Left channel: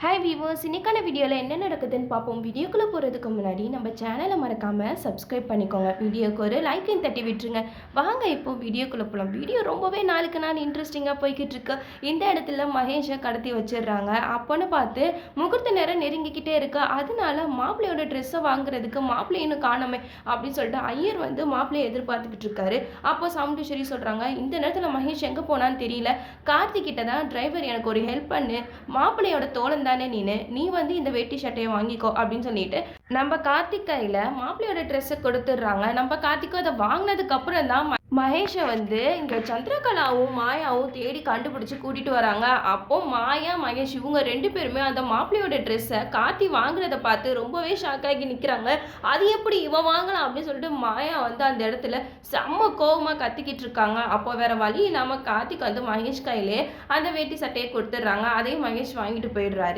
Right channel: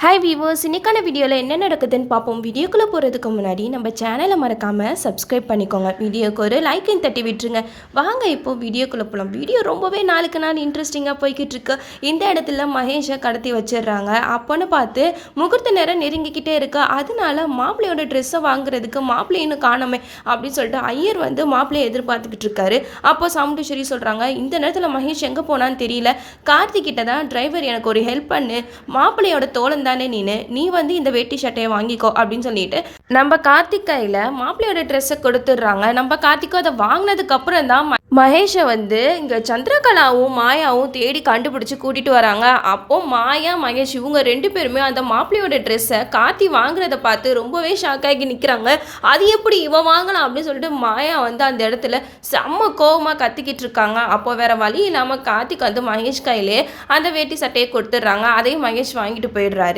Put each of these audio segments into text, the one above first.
Hi viewers, இன்னைக்கான வீடியோவில் என்ன நடக்குதுன்னு பார்ப்போம். வீடியோக்குள்ளே போகிறதுக்கு முன்னாடி நம்ம சேனலை மறக்காமல் சப்ஸ்கிரைப் பண்ணிக்கோங்க. வீடியோக்கு ஒரு லைக்கையும் தட்டி விட்டுருங்க. வாங்க இப்போது வீடியோக்குள்ளே போகலாம். வீடியோ ரொம்பவே நாளுக்கு நாள் இன்ட்ரெஸ்டிங்காக போய்கிட்டு இருக்கு. இந்த இடத்துல மகேஷை கடத்தி வச்சிடுறாங்க. அப்போன்னு பார்த்து முகூர்த்த நேரம் நெருங்கிக்கிட்டே இருக்கு. அதனால மாப்பிள்ளையோட ட்ரெஸ்ஸை வாங்குறதுக்கு மாப்பிள்ளை இன்னும் காணாமே அப்படின்னு சொல்லிட்டு ஐயர் வந்து மாப்பிள்ளையை எதிர்பார்த்துக்கிட்டு இருக்காரு. அப்போ சாமுண்டீஸ்வரி சொல்கிறாங்க, இந்த நேரத்தில் மகேஷ் எங்கே போனான்னு தெரியல. கார்த்திகிட்ட தான் டிரைவர் எனக்கு ஒரு ஹெல்ப் பண்ணு, மாப்பிள்ளையோட தோழன் தானே நீ வந்து இந்த வேட்டி சட்டையை வாங்கிக்கோ அப்படின்னு சொல்லிட்டு நம்ம கார்த்திக் கையில் மாப்பிள்ளையோட ட்ரெஸ்ஸை கொடுத்துட்றாங்க. நம்ம கார்த்திக்கும் அதை வாங்கினதுக்கு அப்புறம் தான் மகேஷை வந்து இங்கே சந்திரகலாவும் மாயாவும் தேடி கண்டுபிடிச்சி கூட்டிகிட்டு வராங்க. அப்போ மாயா மகேஷ் இவங்க ரெண்டு பேருமே அந்த மாப்பிள்ளையோட ட்ரெஸ்ஸை கார்த்தி வாங்குறத பார்த்து ரொம்பவே ஷாக் ஆகி நிற்கிறாங்க. அது எப்படி இவன் வாங்கலாம் அப்படின்னு சொல்லிட்டு மாயா வந்து அந்த இடத்துல செம்ம கோவமாக கத்திக்கிட்டு இருக்காங்க. அப்போ வேற வழி இல்லாமல் கார்த்திக் வந்து மகேஷ் கையிலே அந்த வேட்டி சட்டையை கொடுத்துட்றாங்க. அதையும் மகேஷ் வாங்கிட்டு போயிடுறாரு.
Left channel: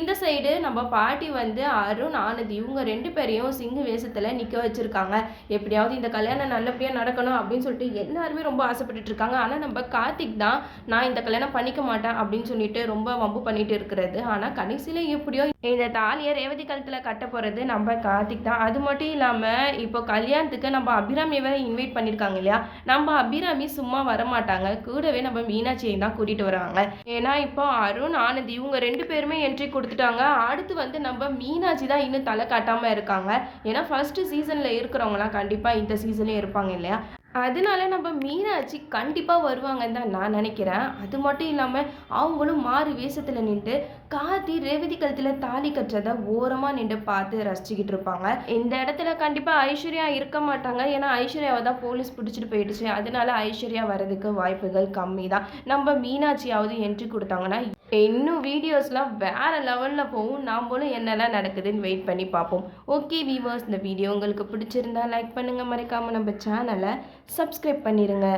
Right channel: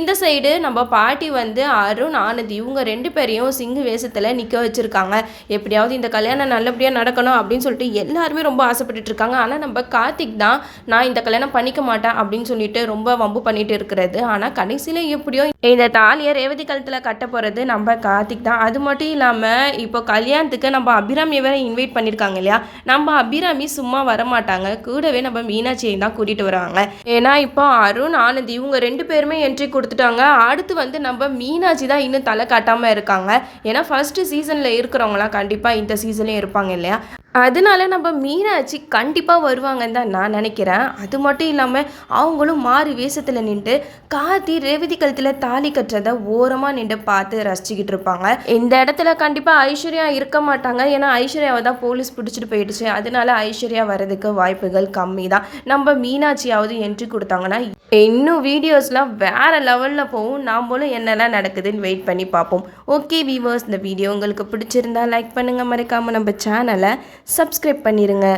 இந்த சைடு நம்ம பாட்டி வந்து அருண் ஆனந்த் இவங்க ரெண்டு பேரையும் சிங்கு வேஷத்தில் நிற்க வச்சுருக்காங்க. எப்படியாவது இந்த கல்யாணம் நல்லபடியாக நடக்கணும் அப்படின்னு சொல்லிட்டு எல்லாருமே ரொம்ப ஆசைப்பட்டுட்டு இருக்காங்க. ஆனால் நம்ம கார்த்திக் தான் நான் இந்த கல்யாணம் பண்ணிக்க மாட்டேன் அப்படின்னு சொல்லிட்டு ரொம்ப வம்பு பண்ணிட்டு இருக்கிறது. ஆனால் கடைசியில் எப்படியோ இந்த தாலியை ரேவதி கழுத்தில் கட்ட போகிறது நம்ம கார்த்திக் தான். அது மட்டும் இல்லாமல் இப்போ கல்யாணத்துக்கு நம்ம அபிராமியை வேற இன்வைட் பண்ணியிருக்காங்க இல்லையா. நம்ம அபிராமி சும்மா வரமாட்டாங்க, கூடவே நம்ம மீனாட்சியை தான் கூட்டிகிட்டு வராங்க. ஏன்னா இப்போ அருண் ஆனந்த் இவங்க ரெண்டு பேருமே என்ட்ரி கொடுத்துட்டாங்க. அடுத்து வந்து நம்ம மீனாட்சி தான் இன்னும் தலை காட்டாமல் இருக்காங்க. ஏன்னா ஃபர்ஸ்ட் சீசனில் இருக்கிறவங்களாம் கண்டிப்பாக இந்த சீசன்லேயும் இருப்பாங்க இல்லையா. அதனால நம்ம மீனாட்சி கண்டிப்பாக வருவாங்கன்னு தான் நான் நினைக்கிறேன். அது மட்டும் இல்லாமல் அவங்களும் மாறு வேஷத்தில் நின்று கார்த்தி ரேவதி கழுத்தில் தாலி கட்டுறதை ஓரமாக நின்று பார்த்து ரசிச்சுக்கிட்டு இருப்பாங்க. இந்த இடத்துல கண்டிப்பாக ஐஸ்வர்யா இருக்க மாட்டாங்க. ஏன்னா ஐஸ்வர்யாவை தான் போலீஸ் பிடிச்சிட்டு போயிடுச்சு. அதனால ஐஸ்வர்யா வர்றதுக்கு வாய்ப்புகள் கம்மி தான். நம்ம மீனாட்சியாவது என்ட்ரி கொடுத்தாங்கன்னா இன்னும் வீடியோஸ்லாம் வேறு லெவலில் போகும். நாமளும் என்னெல்லாம் நடக்குதுன்னு வெயிட் பண்ணி பார்ப்போம். ஓகே வீவர்ஸ், இந்த வீடியோ உங்களுக்கு பிடிச்சிருந்தா லைக் பண்ணுங்கள், மறக்காமல் நம்ம சேனலை சப்ஸ்கிரைப் பண்ணிடுங்க.